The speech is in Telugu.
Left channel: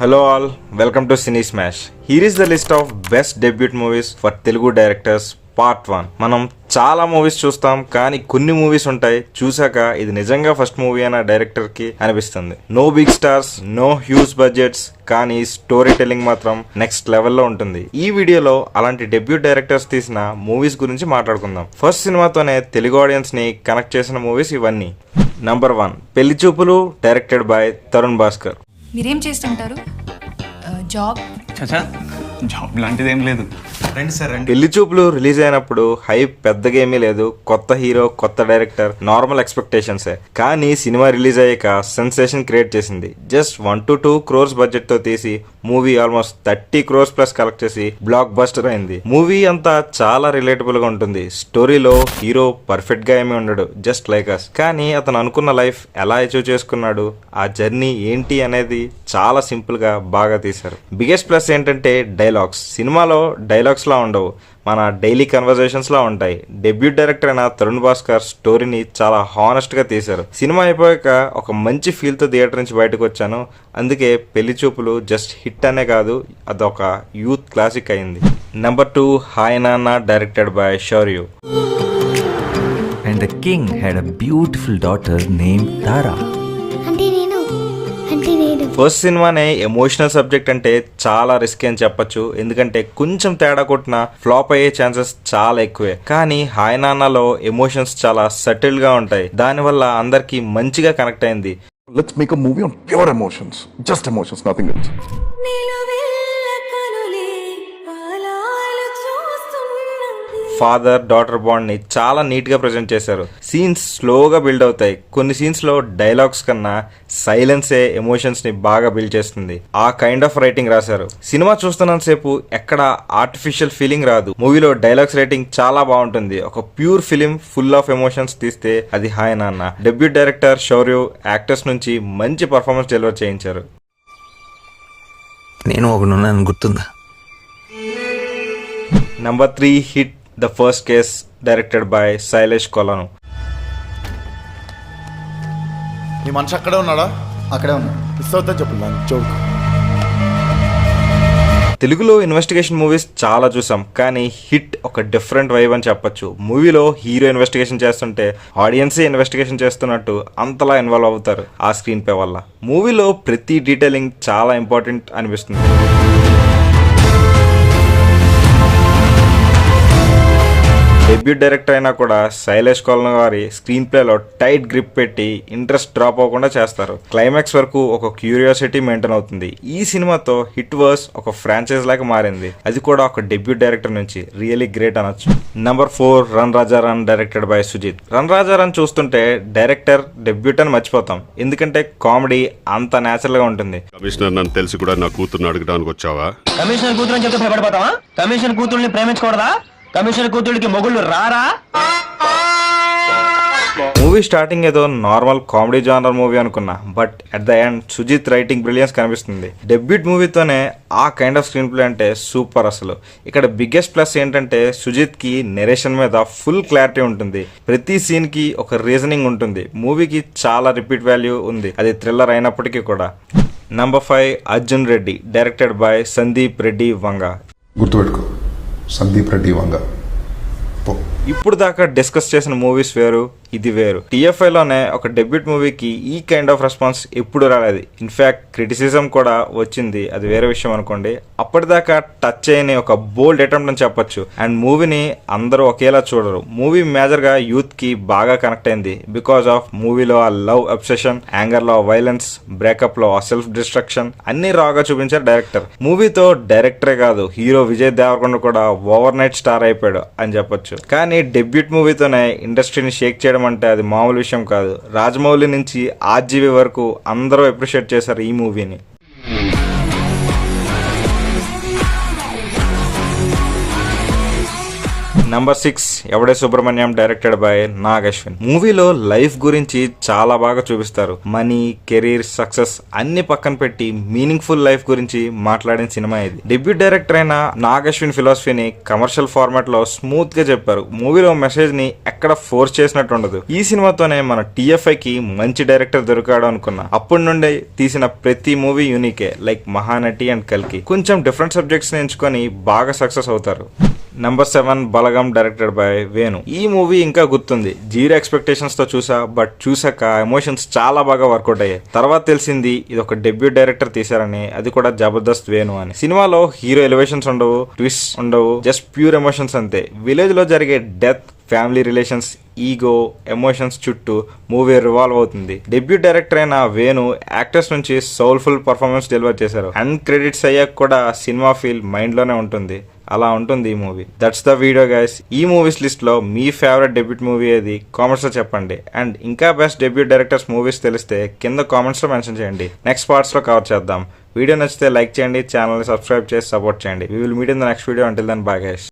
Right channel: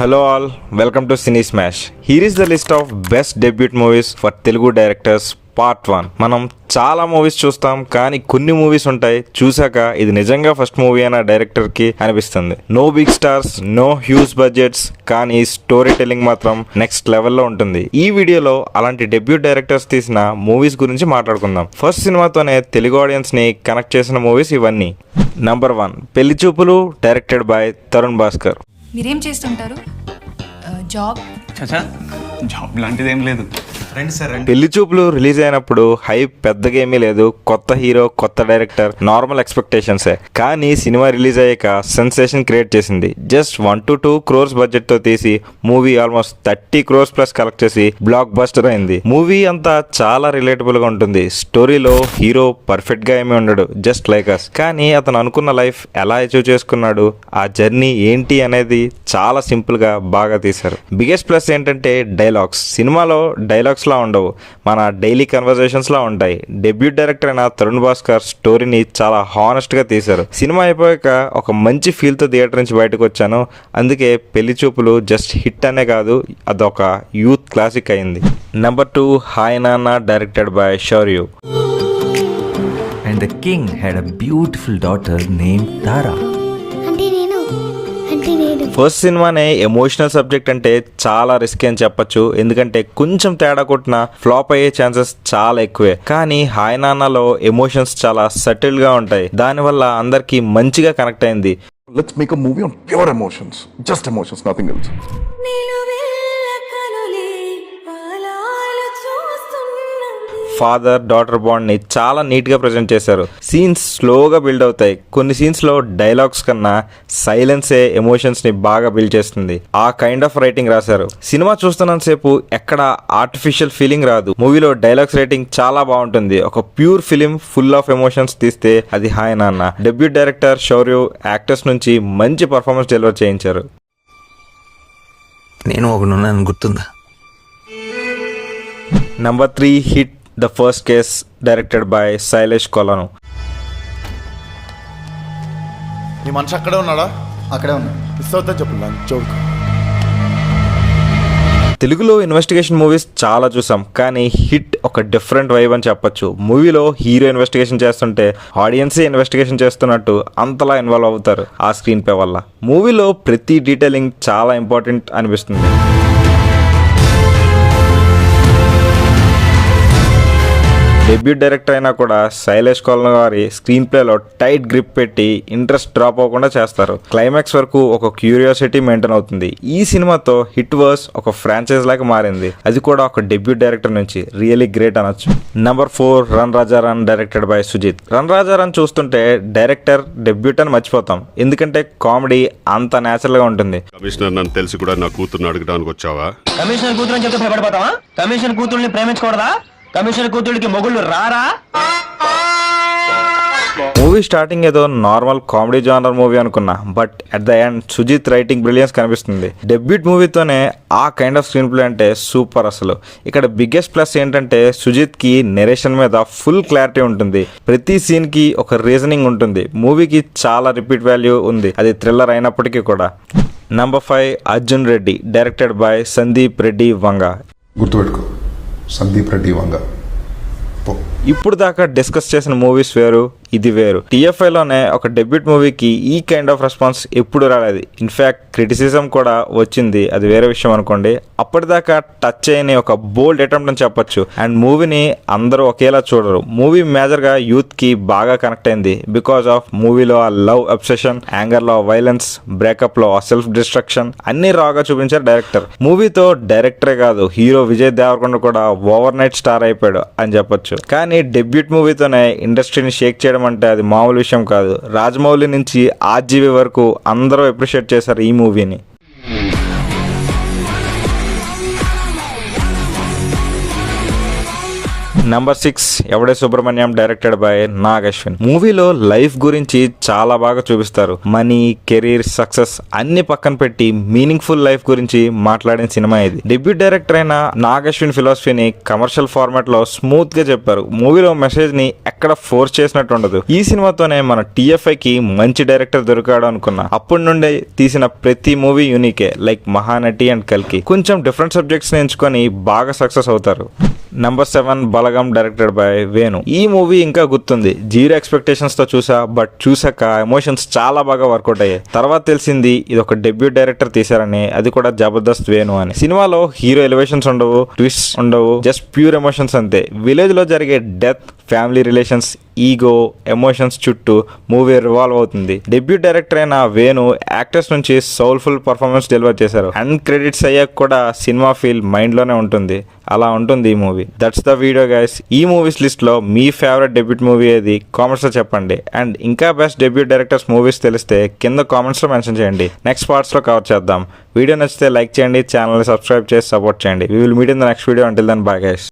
Hello all, welcome to Cine Smash. Here is the list of best debut movies for Telugu directors part 1. మనం చాలా మూవీస్ చూస్తాం, కానీ కొన్ని మూవీస్ ఉంటాయి చూసాక ఇది నిజంగా ఫస్ట్ మూవీ అయిన డైరెక్టర్కి అనిపిస్తుంది. No big stars, no huge budgets, కానీ స్టోరీ టెల్లింగ్ మాత్రం నెక్స్ట్ లెవెల్లో ఉంటుంది. ఈ వీడియోలో అలాంటి డెబ్యూట్ డైరెక్టర్స్ తీసిన మూవీస్ గురించి మాట్లాడుకుందాం. ఫస్ట్ సినిమాతోనే తెలుగు ఆడియన్స్ని కనెక్ట్ చేసిన మూవీస్ ఇవన్నీ. నంబర్ 1 పెళ్లి చూపులు, డైరెక్టెడ్ బై తరుణ్ భాస్కర్. మీరేం చేస్తుంటారు? జాబ్? జాబ్ లాంటిది ఏం లేదు. పెళ్లి చూపులు రిలీజ్ అయినప్పుడు హైప్ పెద్దగా ఏమీ లేదు. కొత్త హీరో, కొత్త డైరెక్టర్, నార్మల్ ఎక్స్పెక్టేషన్సే. కానీ సినిమా రిలీజ్ అయ్యాక సెన్సేషన్ క్రియేట్ చేసింది. జస్ట్ 1 to 2 crores బడ్జెట్ తో తీసి movie almost 30 crores plus collect చేసి బ్లాక్ బస్టర్ అయింది. మూవీ అంతా చాలా రిలేటబుల్ గా ఉంటుంది. స్టోరీలో హీరో పర్ఫెక్ట్ గా ఏమీ ఉండడు, జస్ట్ లైక్ అస్. కానీ అతను అనుకున్న లైఫ్ ఎలా అచీవ్ చేసుకున్నాడు, ఆ జర్నీ ఏంటి అనేది చాలా సింపుల్ గా బాగా తీశారు. బిగ్గెస్ట్ ప్లస్ ఏంటంటే డైలాగ్స్. సినిమాలో డైలాగ్స్ లా ఉండవు, మన డైలీ కన్వర్జేషన్స్ లా ఉంటాయి. డెబ్యూట్ డైరెక్టర్ అయిన తరుణ్ భాస్కర్ స్టోరీని చాలా హానెస్ట్ గా తీశారు. సినిమా అయిపోయాక ఒక మంచి ఫీల్ తో థియేటర్ నుంచి బయటకు వచ్చాను. అందుకే పెళ్లి చూపులు జస్ట్ హిట్ అనే కాదు, అదొక యూత్ క్లాసిక్ అయింది. నంబర్ 2 హాయ్ నాన్న, directed by Shaurya. And the king had a beautiful daughter named Tara. First సినిమానే ఎమోషనల్ సబ్జెక్ట్ అంటే చాలా రిస్క్ అని చెప్పొచ్చు. ఎందుకంటే కొంచెం తేడా కొట్టినా ఫ్లాప్ అయ్యే ఛాన్సెస్ చాలా ఎక్కువే. కానీ హాయ్ నాన్నలో ఎమోషన్స్ చాలా సటిల్ గా ఉంటాయి. దానివల్ల అందరికి మంచిగా కనెక్ట్ అయింది. Let's make a movie on pure emotions, just emotions, nothing else. Father daughter bond ని చాలా నీట్ గా ప్రెజెంట్ చేశారు. సీన్స్ స్లోగా బిల్డ్ అవుతాయి. కొన్ని సీన్స్ లో డైలాగ్స్ కన్నా సైలెన్సే ఎమోషన్స్ ని బాగా బిల్డ్ చేస్తుంది. ఆ కైండ్ ఆఫ్ రైటింగ్ రాశారు. సినిమా చూస్తున్నంత సేపు ఎక్కడ ఆర్టిఫిషియల్ ఫీలింగ్ రాదు. మూవీలో డైలాగ్స్ రైటింగ్ చాలా బాగుంటుంది. ఒక pure film full of emotions తీస్తే అది హాయ్ నాన్న. డెబ్యూట్ డైరెక్టర్ శౌర్య యాక్టర్స్ నుంచి మంచి పర్ఫార్మెన్స్ డెలివర్ చేయించారు. నేను ఒకనున్నాను, గుర్తుందా? Number 3 hit the first case, directed by Shailesh కొలను. నీ మనిషి అక్కడే ఉన్నాడా? అక్కడే ఉన్నా. మిస్ అవుతా చెప్పు చౌక్. తెలుగులో ఇన్వెస్టిగేషన్ మూవీస్ చాలా చూసాం, కానీ హిట్ ఒక డిఫరెంట్ వైబ్ అని చెప్పొచ్చు. మూవీలో హీరో ఇన్వెస్టిగేషన్ చేస్తుంటే ఆడియన్సే ఇన్వెస్టిగేషన్ చేస్తున్నట్టు అంతలా ఇన్వాల్వ్ అవుతారు ఆ స్క్రీన్ ప్లే వల్ల. మూవీలో ప్రతి డీటెయిలింగ్ చాలా ఇంపార్టెంట్ అనిపిస్తుంది. డెబ్యూట్ డైరెక్టర్ అయినా కూడా శైలేష్ కొలను గారి స్క్రీన్ ప్లేలో టైట్ గ్రిప్ పెట్టి ఇంట్రెస్ట్ డ్రాప్ అవ్వకుండా చేస్తారు. క్లైమాక్స్ వరకు ఒక క్యూరియాసిటీ మెయింటైన్ అవుతుంది. ఈ సినిమాతో హిట్ వర్స్ ఒక ఫ్రాంచైజ్ లాగా మారింది. అది కూడా ఒక డెబ్యూట్ డైరెక్టర్ నుంచి. రియల్లీ గ్రేట్ అనొచ్చు. Number 4 run Raja run, directed by Sujeeth. Run Raja run చూస్తుంటే డైరెక్టర్ డెబ్యూట్ అని మర్చిపోతాం. ఎందుకంటే కామెడీ అంత నేచురల్ గా ఉంటుంది. కమిషనర్ నన్ను తెలిసి కూడా నా కూతుర్ని అడగడానికి వచ్చావా? కమిషనర్ కూతురు చెప్తే భయపడిపోతావా? కమిషనర్ కూతుర్ని ప్రేమించకూడదా? కమిషనర్ కూతురికి మొగుళ్ళు రారా? మూవీ స్టార్టింగ్ ఏదో నార్మల్ కామెడీ జానర్ మూవీ అనుకున్నా, but at the end Sujeeth writing brilliance కనిపిస్తుంది. డెబ్యూట్ మూవీతోనే ఆ కైండ్ ఆఫ్ స్క్రీన్ ప్లే అంటే సూపర్ అసలు. ఇక్కడ బిగ్గెస్ట్ ప్లస్ ఏంటంటే సుజిత్ కి నెరేషన్ మీద ఫుల్ క్లారిటీ ఉంటుంది. ప్రతి సీన్ కి ఒక రీజనింగ్ ఉంటుంది. మూవీకి చాలా రిపీట్ వాల్యూ ఉంది, అది థ్రిల్లర్ అయినప్పటికీ కూడా. Number 5 Arjun Reddy, directed by Sandeep Reddy Vanga. గుర్తుపెట్టుకో, సందీప్ రెడ్డి వంగ. ఇప్పుడు దాకా డిస్కస్ చేసిన మూవీస్ వేరు, ఇది వేరు. TFI లోనే ఒక డెబ్యూట్ మూవీకి ఈ కైండ్ ఆఫ్ రెస్పాన్స్ ఎప్పుడు రాలేదు. ఇన్ఫాక్ట్ క్రిటిసిజం కూడా వచ్చింది, అది వేరే విషయం అనుకోండి. అప్పటిదాకా టచ్ చేయని ఒక బోల్డ్ అటెంప్ట్ అని చెప్పొచ్చు. అండ్ మూవీని అందరూ ఒకేలా చూడరు. మూవీ మేజర్ గా యూత్ కి బాగా కనెక్ట్ అయింది బికాస్ ఆఫ్ మూవీలో ఆ లవ్ అబ్సెషన్, యాంగర్ లో వైలెన్స్, బ్రేకప్ లో సెల్ఫ్ డిస్ట్రక్షన్ అన్ని రాగా చూపించారు డైరెక్టర్. మూవీతో డైరెక్టరే కాదు, హీరో విజయ్ దేవరకొండ కూడా ఓవర్ నైట్ స్టార్ అయిపోయాడు అని చెప్పొచ్చు. కానీ డెబ్యూట్ మూవీతోనే ఇండస్ట్రీని షేక్ చేయడం అంటే అది మామూలు విషయం కాదు. రాజమౌళి నుంచి ఆర్జీవి వరకు అందరూ అప్రిషియేట్ చేశారు ఈ మూవీని. Number 6 Yevade Subrahmanyam directed by Nag Ashwin. మూవీలో లైఫ్ గురించి చాలా బాగా చూపిస్తారు. మనీ, కెరీర్, సక్సెస్ అన్ని పక్కన పెట్టి మీనింగ్ఫుల్ లైఫ్ గురించి మాట్లాడిన సినిమా ఇది. డెబ్యూట్ డైరెక్టర్ అయిన నాగ్ అశ్విన్ ఫిలాసఫీని కమర్షియల్ ఫార్మాట్ లో స్మూత్ గా చెప్పారు. మూవీలో మెసేజ్ ని ఎక్కడ ఫోర్స్ చేసినట్టు ఉండదు. ఈ సినిమాతోనే మన TFI కి మంచి డైరెక్టర్ దొరికాడు అనుకున్నా. అప్పటి నుండే తీసిన ప్రతి మూవీ యూనికే, లైక్ మహానటి అండ్ కల్కి. కొంచెం డిఫరెంట్ సబ్జెక్ట్స్ ని ఎంచుకొని బాగా సక్సెస్ అవుతారు. Number 7 Balagam directed by Venu. ఈ మూవీ ఇంకా గుర్తుంది. 0 ఎక్స్పెక్టేషన్స్ తో చూసా, బట్ చూసాక ఎమోషన్స్ చాలా బాగా వర్కౌట్ అయ్యాయి. తర్వాత తెలిసింది ఇది ఒక డెబ్యూట్ డైరెక్టర్ తీశారని, అది కూడా జబర్దస్త్ వేణు అని. సినిమాలో హీరో ఎలివేషన్స్ ఉండవు, ట్విస్ట్ ఉండవు, జస్ట్ ప్యూర్ ఎమోషన్స్ అంతే. విలేజ్ లో జరిగే death, family relations, ego, emotions చుట్టూ మూవీ రివాల్వ్ అవుతుంది. డెబ్యూట్ డైరెక్టర్ అయిన వేణు యాక్టర్స్ నుంచి సోల్ఫుల్ పర్ఫార్మెన్స్ డెలివర్ చేశారు. అండ్ క్రెడిట్స్ అయ్యాక కూడా సినిమా ఫీల్ మైండ్ లోనే ఉంటుంది. అలా ఉంటుంది ఈ movie. That's the video guys. ఈ మూవీస్ లిస్ట్ లో మీ ఫేవరెట్ డెబ్యూట్ మూవీ ఏది కామెంట్స్ లో చెప్పండి. అండ్ ఇంకా బెస్ట్ డెబ్యూట్ డైరెక్టర్స్ మూవీస్ తెలిస్తే కింద కామెంట్స్ లో మెన్షన్ చేయండి. నెక్స్ట్ పార్ట్స్ లో కవర్ చేద్దాం. వీడియో నచ్చితే లైక్ చేయండి, ఛానల్ ని సబ్స్క్రైబ్ చేసి సపోర్ట్ చేయండి. We will meet in the next video. Until then bye guys.